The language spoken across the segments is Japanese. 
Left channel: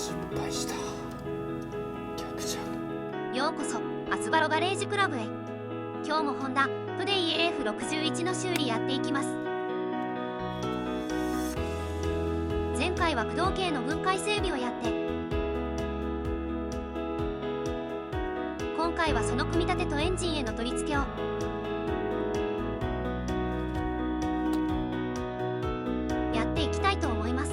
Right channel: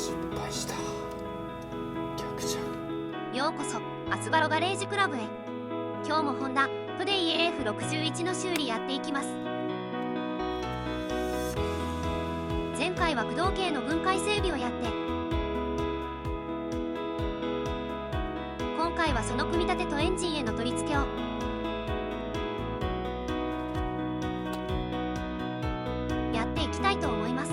失敗した。逆じゃん。ようこそアスバロガレージクラブへ。今日もホンダトデイ AF61 の修理やっていきます。前回は駆動系の分解整備をやって、今回はその組み立てとエンジンへの取り付けを。やっていきたいと思います。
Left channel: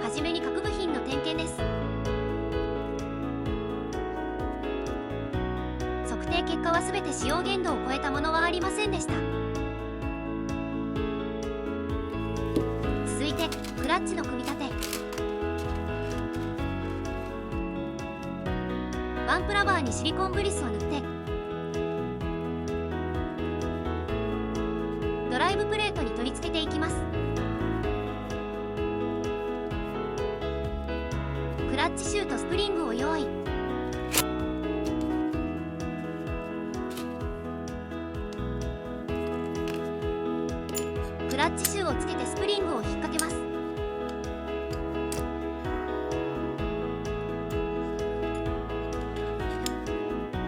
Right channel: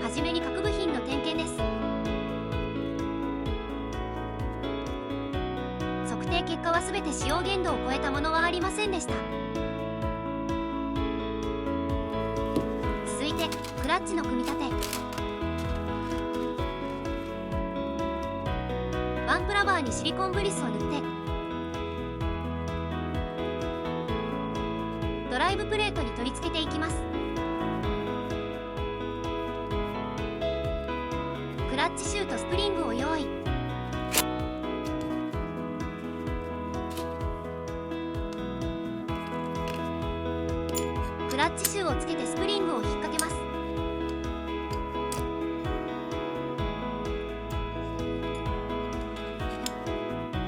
はじめに各部品の点検です。測定結果はすべて使用限度を超えたものはありませんでした。続いてクラッチの組み立て。バンプラバーにシリコングリスを塗って、ドライブプレートに取り付けていきます。クラッチシューとスプリングを用意。クラッチシューをつけてスプリングを引っ掛けます。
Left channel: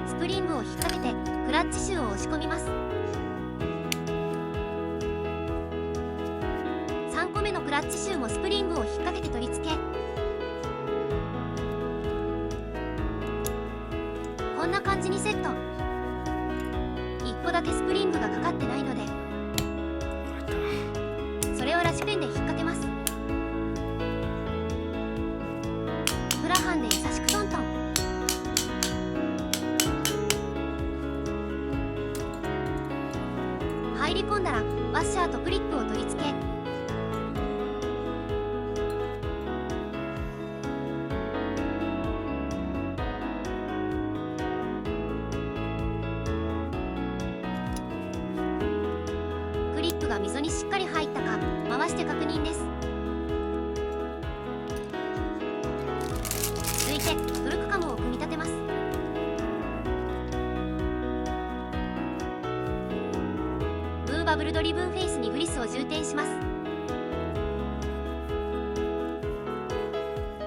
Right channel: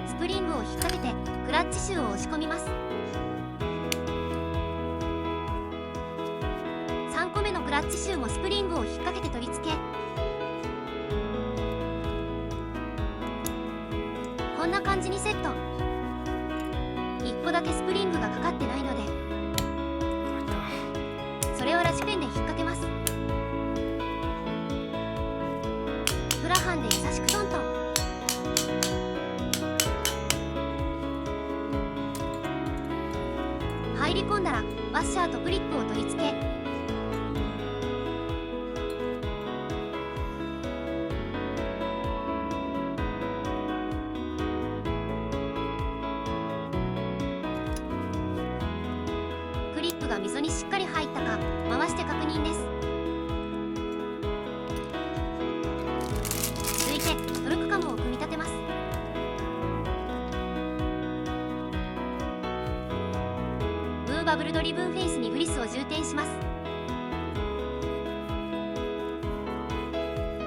スプリングを引っ掛けてクラッチシューを押し込みます。3個目のクラッチシューもスプリングを引っ掛けて取り付け、こんな感じにセット。1個だけスプリングがかかってないので、それをラチペンで引っ掛けます。プラハンで優しくトントン。入り込んだらワッシャーとクリップを取り付け、クリップが溝にしっかり入ったか回して確認です。続いてトルクカムを組み立てます。ムーバブルドリブンフェイスにグリスを充填します。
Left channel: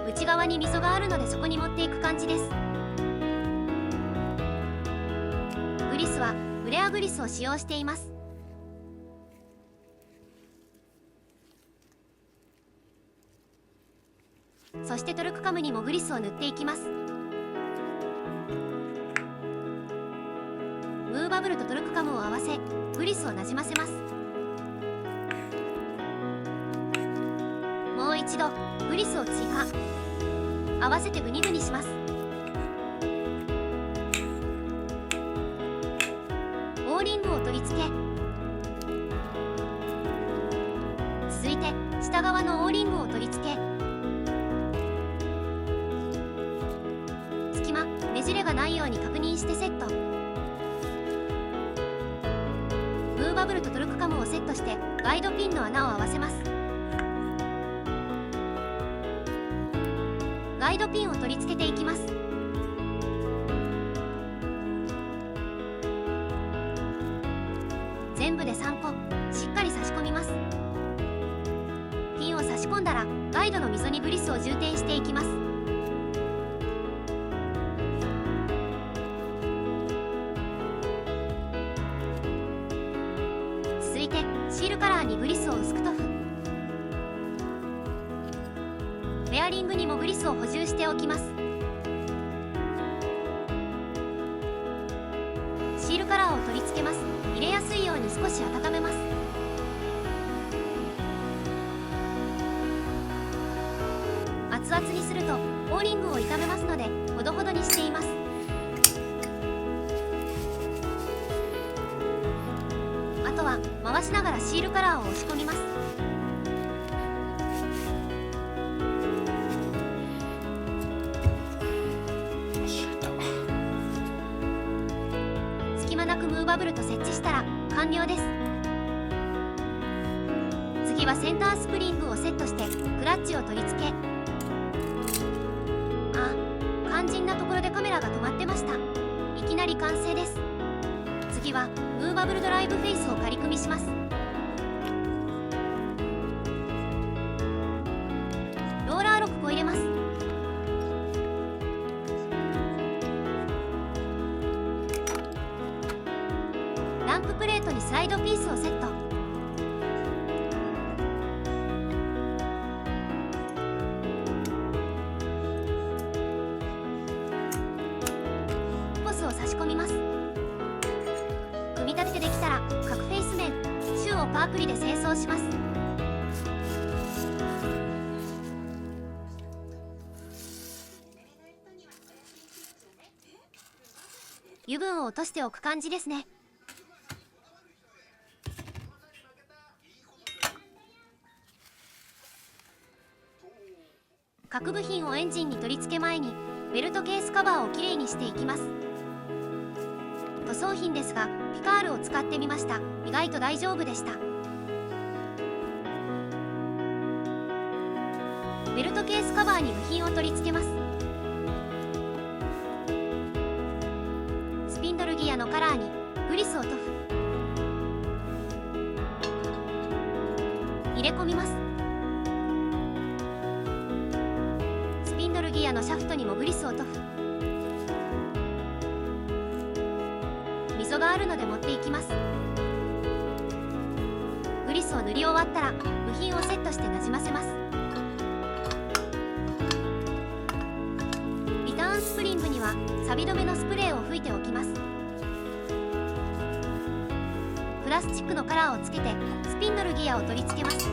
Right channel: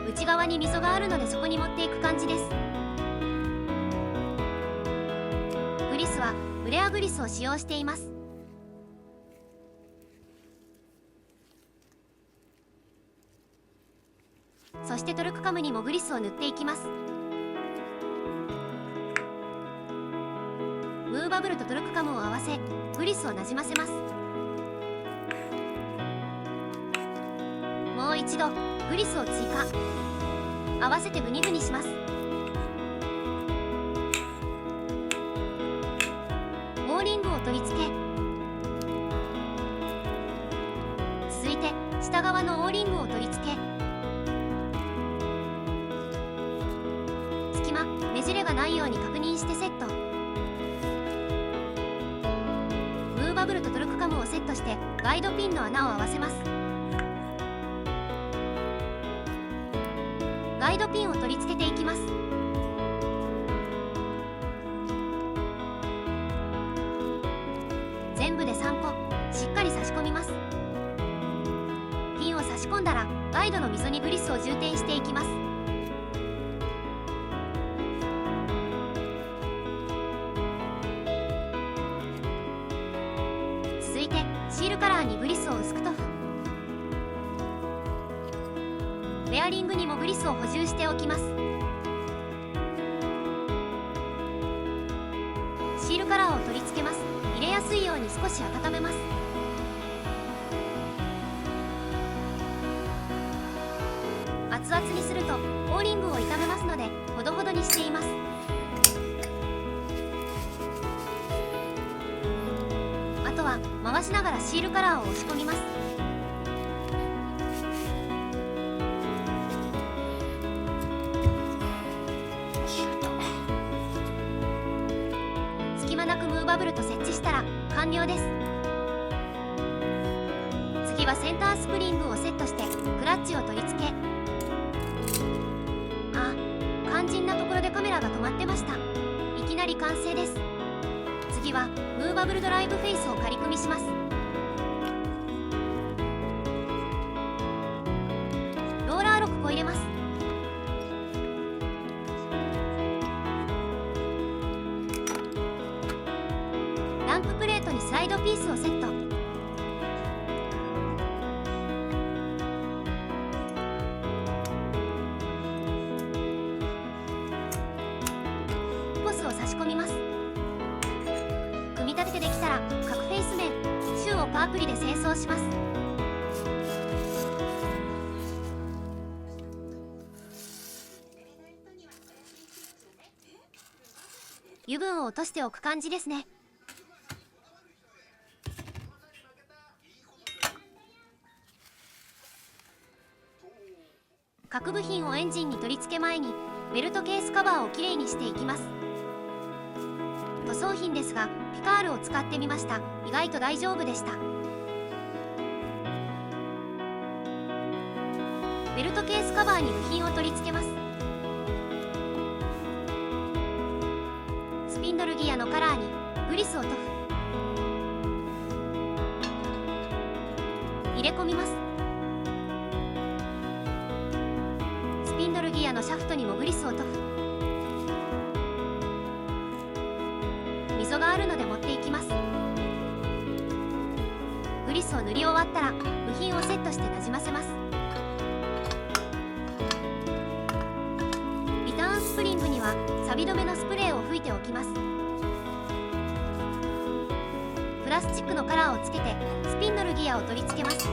内側に溝があるのでそこに持っていく感じです。グリスはフレアグリスを使用しています。そしてトルクカムにもグリスを塗っていきます。ムーバブルとトルクカムを合わせグリスをなじませます。もう一度グリスを追加、合わせてグニグニします。オーリングを取り付け、続いて下側のオーリングを取り付け、隙間ねじれがないように確認してセット。ムーバブルとトルクカムをセットしてガイドピンの穴を合わせます。ガイドピンを取り付けていきます。全部で3個しっかり差し込みます。ピンを差し込んだらガイドの溝にグリスを充填していきます。続いてシールカラーにグリスを薄く塗布。ベアリングにもグリスを補充しておきます。シールカラーを取り付けます。入れやすいように少し温めます。熱々にするとオーリングを傷めますのでほどほどにしています。あとは回しながらシールカラーを押し込みます。隙間なくムーバブルと設置したら完了です。次はセンタースプリングをセットしてクラッチを取り付け、肝心なところでカメラが止まってました。いきなり完成です。次はムーバブルドライブフェイスを仮組みします。個入れます。ランププレートにスライドピースをセット。ポスを差し込みます。組み立ててできたら各フェイス面周をパークリで清掃します。油分を落としておく感じですね。各部品をエンジンに取り付け前にベルトケースカバーをきれいにしていきます。塗装品ですがピカールを使ってみました。意外と大丈夫でした。ベルトケースカバーに部品を取り付けます。スピンドルギアのカラーにグリスを塗布。入れ込みます。スピンドルギアのシャフトにもグリスを塗布。溝があるので持っていきます。グリスを塗り終わったら部品をセットしてなじませます。リターンスプリングには錆止めのスプレーを吹いておきます。プラスチックのカラーをつけてスピンドルギアを取り付けます。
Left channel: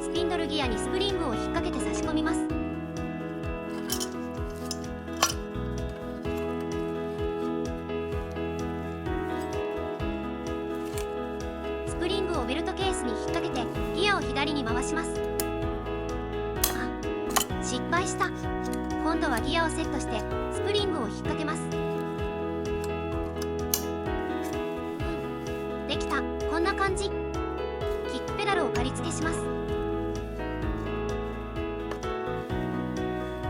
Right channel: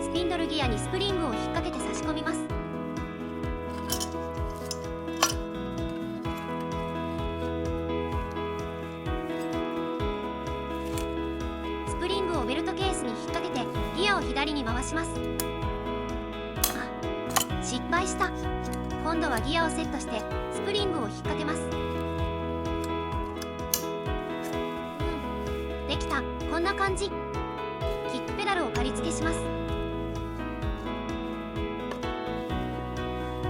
スピンドルギアにスプリングを引っ掛けて差し込みます。スプリングをベルトケースに引っ掛けてギアを左に回します。あ、失敗した。今度はギアをセットしてスプリングを引っ掛けます。できた。こんな感じ。キックペダルを仮付けします。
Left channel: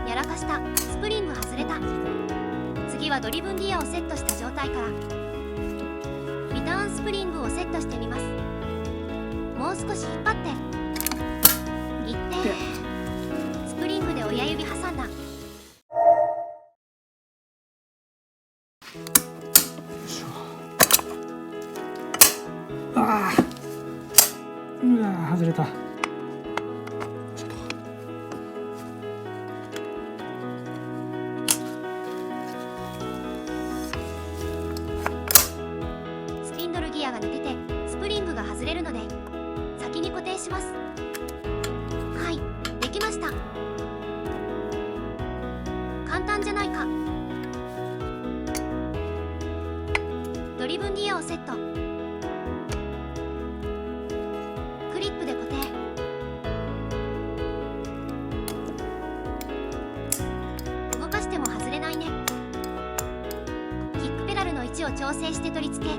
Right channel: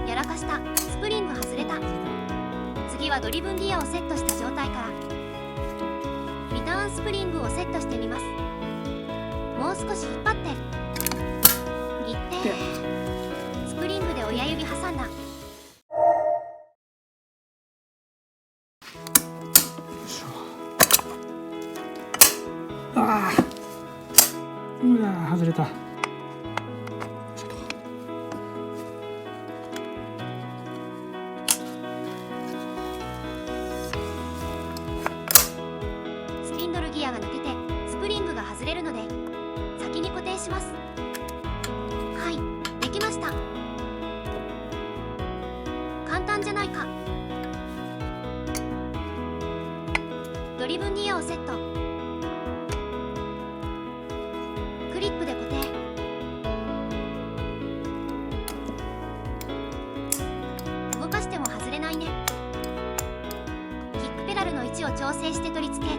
やらかした。スプリング外れた。次はドリブンギアをセットした状態からリターンスプリングをセットしてみます。もう少し引っ張っていってスプリングで親指挟んだ。ああ、うわ、外れた。スピンドルギアが抜けてスプリングが外れるので先に固定します。はい、できました。簡単じゃないか。ドリブンギアをセット。クリップで固定。動かしても外れないね。キックペダルの位置を調整して取り付け。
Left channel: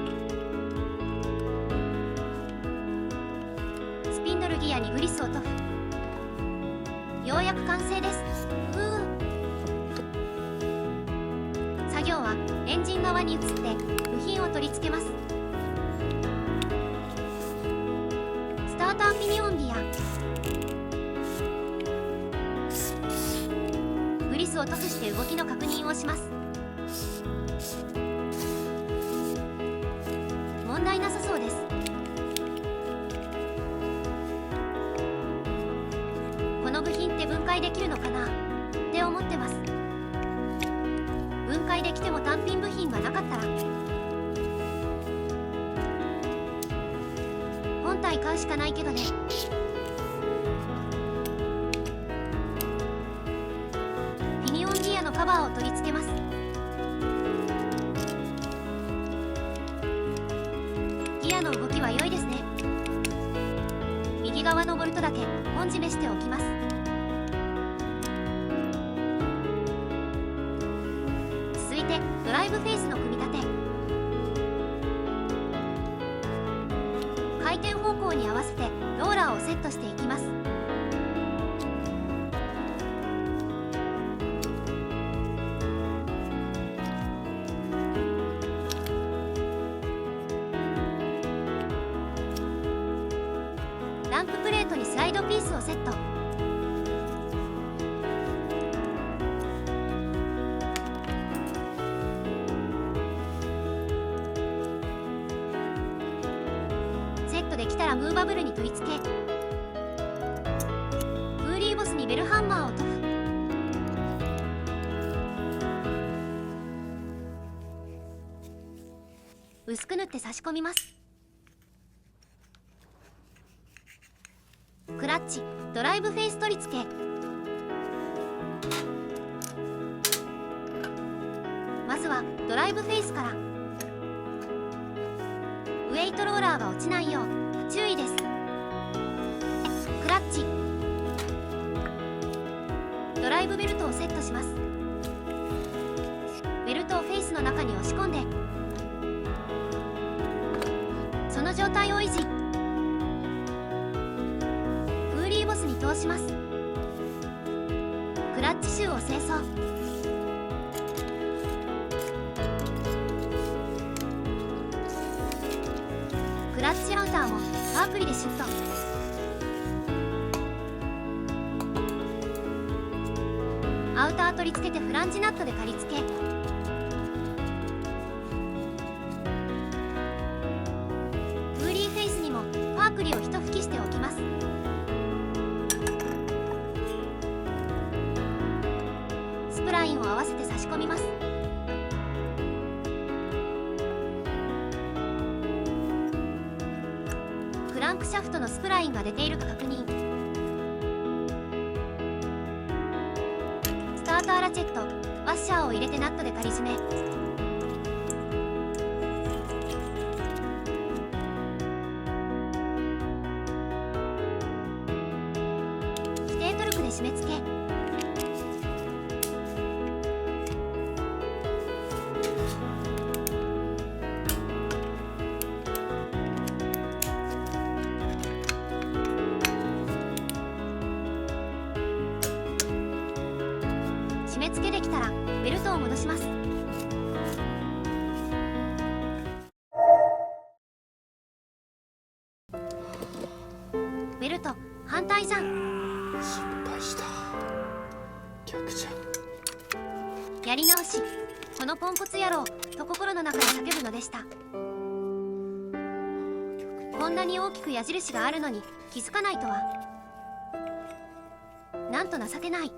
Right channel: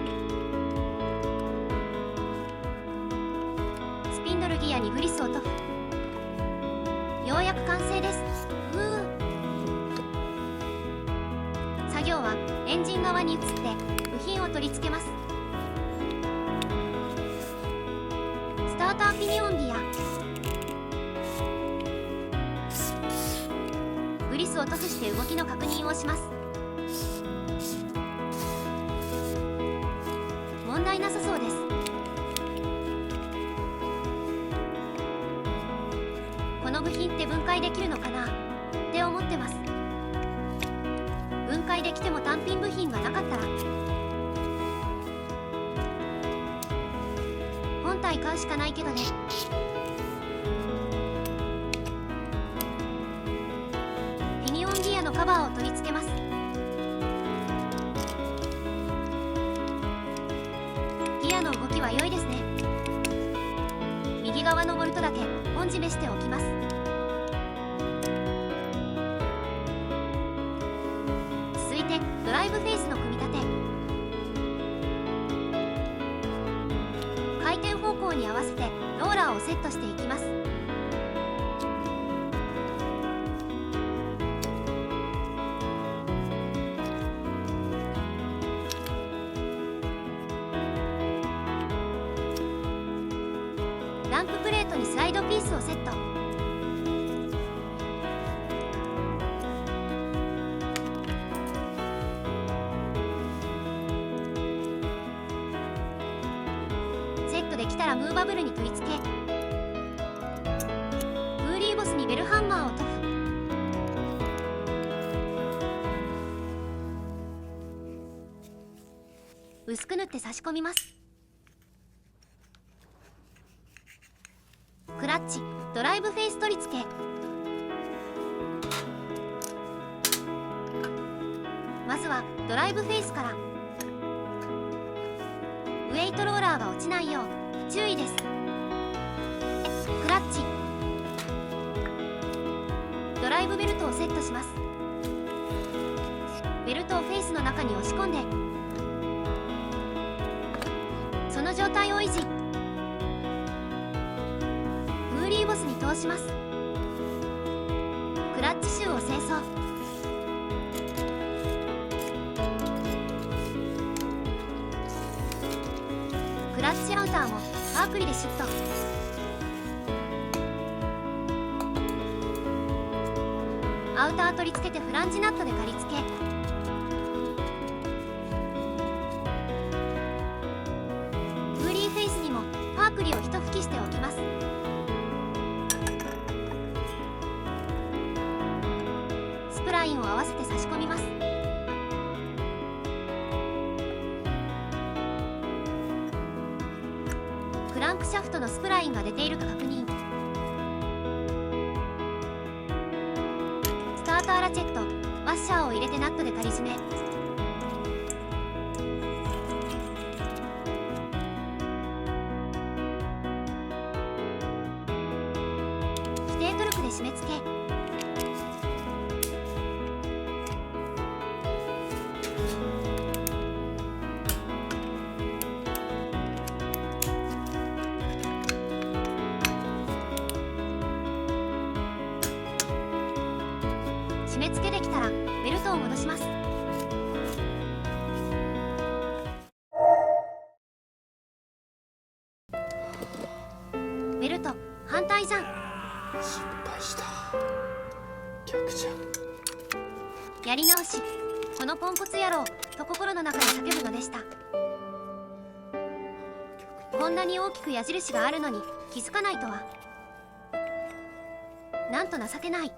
スピンドルギアにグリスを塗布。ようやく完成です。作業はエンジン側に移って部品を取り付けます。スターターピニオンギア。グリスを塗布して動きの確認をします。問題なさそうです。この部品って分解できるのかなって思ってます。分解できても単品部品がなかったら本体買うしかないけどね。ピニオンギアのカバーを取り付けます。ギアの動きは良いですね。右側のボルトだけ本締めしておきます。続いてドライブフェイスの組み立て。回転方向に合わせてローラーをセットしていきます。ランププレートにスライドピースをセット。セットできたらムーバブルに取り付け、フーリーボスにベルハンマーを塗布。薄く塗って差し込みます。クラッチ、ドライブフェイス取り付け。まずはドライブフェイスから。ウェイトローラーが落ちないよう注意です。クラッチ、ドライブベルトをセットします。ベルトをフェイスの中に押し込んで、その状態を維持。フーリーボスに通します。クラッチシューを清掃。クラッチアウターもパークリでシュッと。アウター取り付けてフランジナットで仮付け。フーリーフェイスにもパークリを一吹きしておきます。スプラインを合わせて差し込みます。クランクシャフトのスプラインが出ているか確認。スターターラチェット、ワッシャーを入れてナットで仮締め。規定トルクで締め付け。締め付けできたらベルトを戻します。ベルト反対じゃん。失敗した。逆じゃん。やり直し。このポンコツ野郎と心の中で叫ぶのでした。こんなに大きく矢印があるのに気づかないとは。なんと情けない。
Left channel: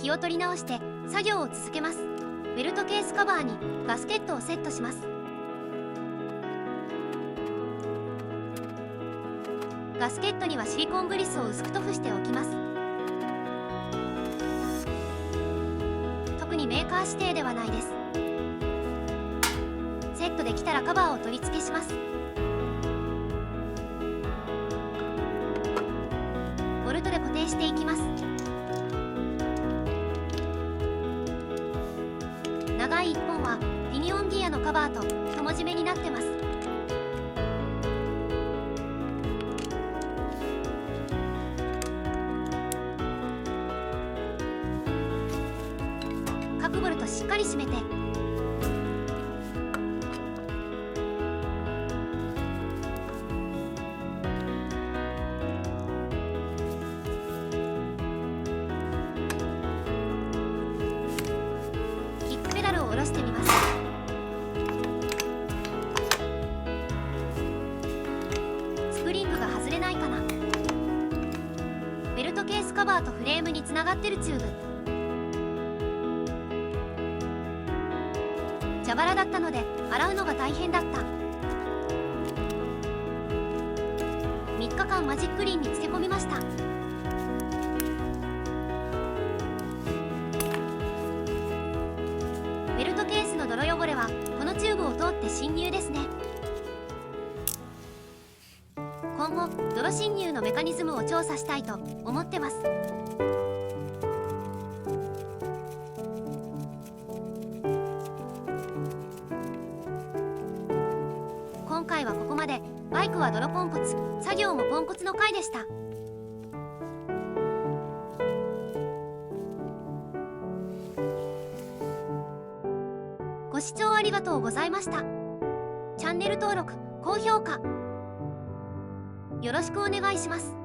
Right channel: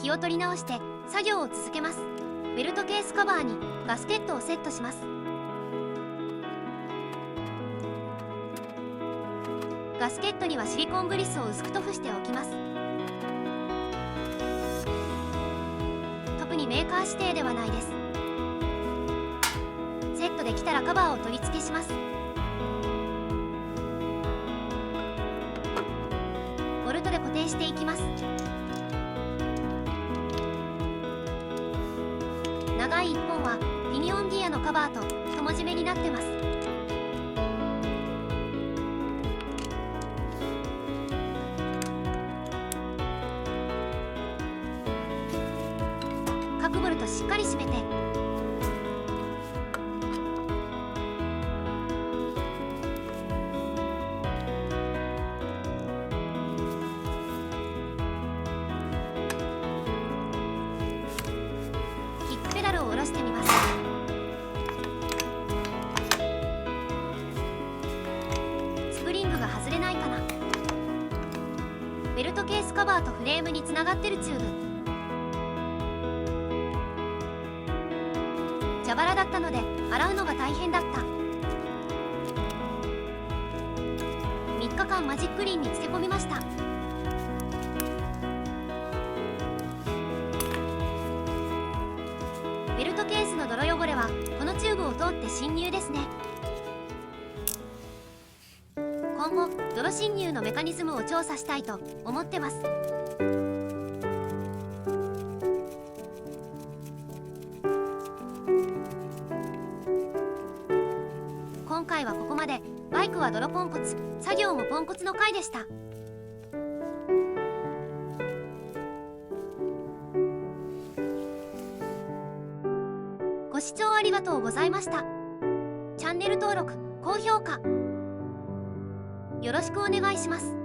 気を取り直して作業を続けます。ベルトケースカバーにガスケットをセットします。ガスケットにはシリコンブリスを薄く塗布しておきます。特にメーカー指定ではないです。セットできたらカバーを取り付けします。ボルトで固定していきます。長い1本はピニオンギアのカバーと友締めになってます。各ボルトしっかり締めて、キックペダルを下ろしてみます。スプリングが外れないかな。ベルトケースカバーとフレームにつながってるチューブ。蛇腹だったので洗うのが大変だった。3日間マジックリンに漬け込みました。ベルトケースの泥汚れはこのチューブを通って侵入ですね。今後泥侵入のメカニズムを調査したいと思ってます。今回はここまで。バイクは泥ポンコツ、作業もポンコツの回でした。ご視聴ありがとうございました。チャンネル登録、高評価よろしくお願いします。